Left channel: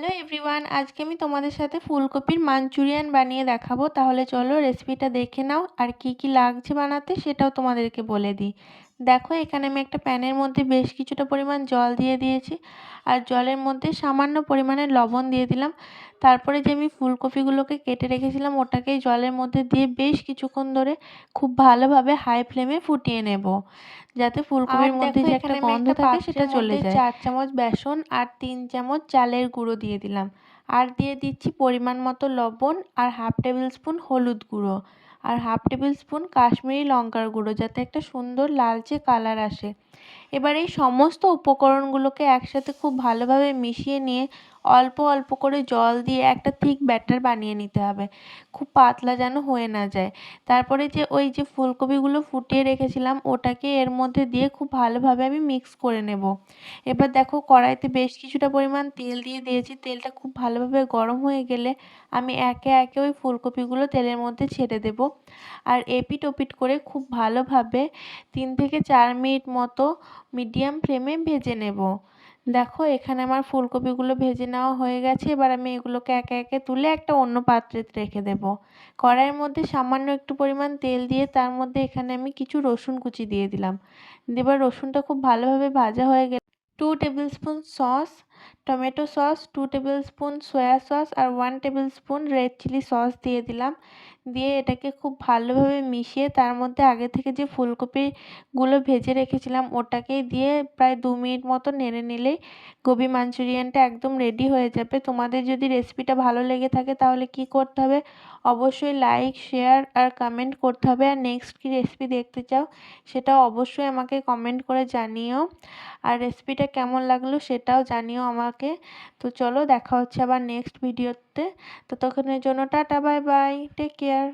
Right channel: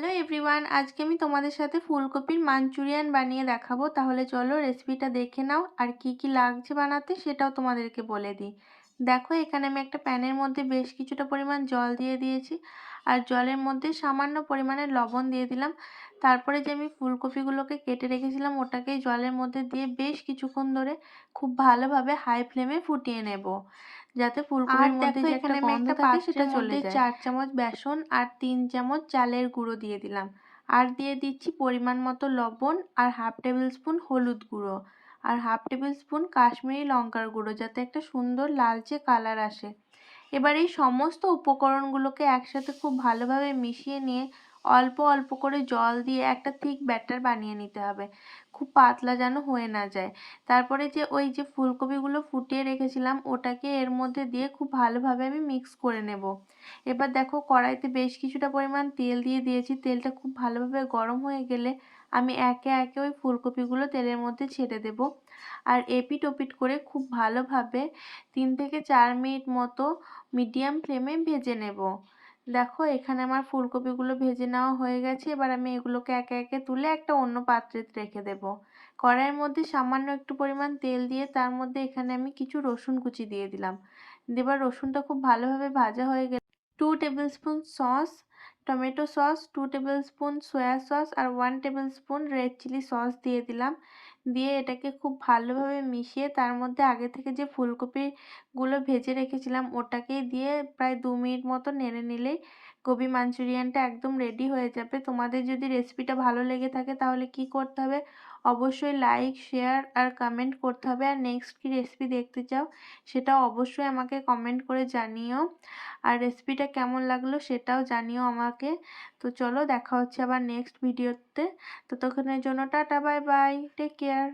Hello everyone, আজকে আমি তোমাদের সাথে ফুলকপির মাঞ্চুরিয়ান বানিয়ে দেখাবো। তাহলে চলো রেসিপিটা দেখে নাও, আর কি কি লাগছে বানাতে সেটাও তোমাদেরকে বলে দিই। দেখো, এখানে আমি একটা প্যানের মধ্যে বেশ কিছুটা পরিমাণ জল দিয়ে দিয়েছি, আর জলের মধ্যে সামান্য পরিমাণে লবণ দিয়ে দিলাম। তারপরে যে আমি ফুলকপিগুলোকে কেটে রেখেছিলাম ওটাকেই জলের মধ্যে দিয়ে বেশ কিছুক্ষণ ধরে খুব ভালোভাবে হাই ফ্লেমে ফুটিয়ে নেব, যাতে ফুলকপির মধ্যে যে একটা গন্ধ থাকে সেটা চলে যায়। 4 চামচ বেসন আর 3 চামচ চালের গুঁড়ো দিয়ে দিলাম, আর দিয়ে দিচ্ছি পরিমাণ মতো লবণ, আর হাফ টেবিল স্পুন হলুদ গুঁড়ো, আর হাফ টেবিল স্পুন কাশ্মীরি লঙ্কার গুঁড়ো, যাতে একটা সুন্দর লালচে কালার আসে। এবার এই সমস্ত উপকরণগুলোকে একসাথে খুব ভালোভাবে মিশিয়ে নিয়ে অল্প অল্প করে জল দিয়ে একটা থিক ব্যাটার বানিয়ে নিতে হবে, খুব পাতলা যেন হয়ে না যায়। তারপরে যে ওই যে ফুলকপিগুলো ফুটিয়ে রেখেছিলাম ওটাকে এর মধ্যে দিয়ে খুব ভালোভাবে আমি মিক্স করে নেব। এবার দেখো, কড়াইতে বেশ কিছুটা পরিমাণ তেল দিয়ে দিয়েছি। তেলটা খুব ভালোভাবে গরম হয়ে গেলে আমি একে একে ওই ফুলকপিগুলো তেলের মধ্যে ছেড়ে দেব, আর এপিট ওপিট করে খুব ভালোভাবে 3 থেকে 4 মিনিট মতো মিডিয়াম ফ্লেমে ভেজে নেব। দেখো, এখানে আমার ফুলকপিগুলো ভেজে নেওয়া হয়ে গেছে। এবার আমি এগুলোকে একে একে তুলে একটা অন্য পাত্রে রেখে দেব। কড়াইয়ের মধ্যে সামান্য একটু পরিমাণ তেল দিয়ে তার মধ্যে এখানে আমি কিছু রসুন কুচি দিয়ে দিলাম। এবার রসুনটা খুব ভালোভাবে ভাজা হয়ে গেলে 2 tablespoon sauce, tomato sauce, 2 tablespoon soya sauce আর 1 tablespoon red chilli sauce দিয়ে দিলাম। দিয়ে এটাকে খুব ভালোভাবে মিশিয়ে তার মধ্যে আগে থেকে যে ফুলকপিগুলো ভেজে রেখেছিলাম ওটাকেই দিয়ে প্রায় 2 মিনিট মতো নেড়ে নিলেই গোবি মাঞ্চুরিয়ানটা একদম রেডি হয়ে যাবে। তোমাদের যদি রেসিপিটা ভালো লেগে থাকে তাহলে কি করতে হবে, অবশ্যই লাইক, শেয়ার আর কমেন্ট করতে হবে। আর নেক্সট কী রেসিপি দেখতে চাও সেটাও অবশ্যই আমাকে কমেন্ট করে জানিও, আর রেসিপিটা কেমন লাগলো সেটাও জানিও আমাকে। তো চলো, দেখা হচ্ছে আবার নেক্সট ভিডিওতে। ততক্ষণের জন্য টাটা, বাই বাই, টেক কেয়ার।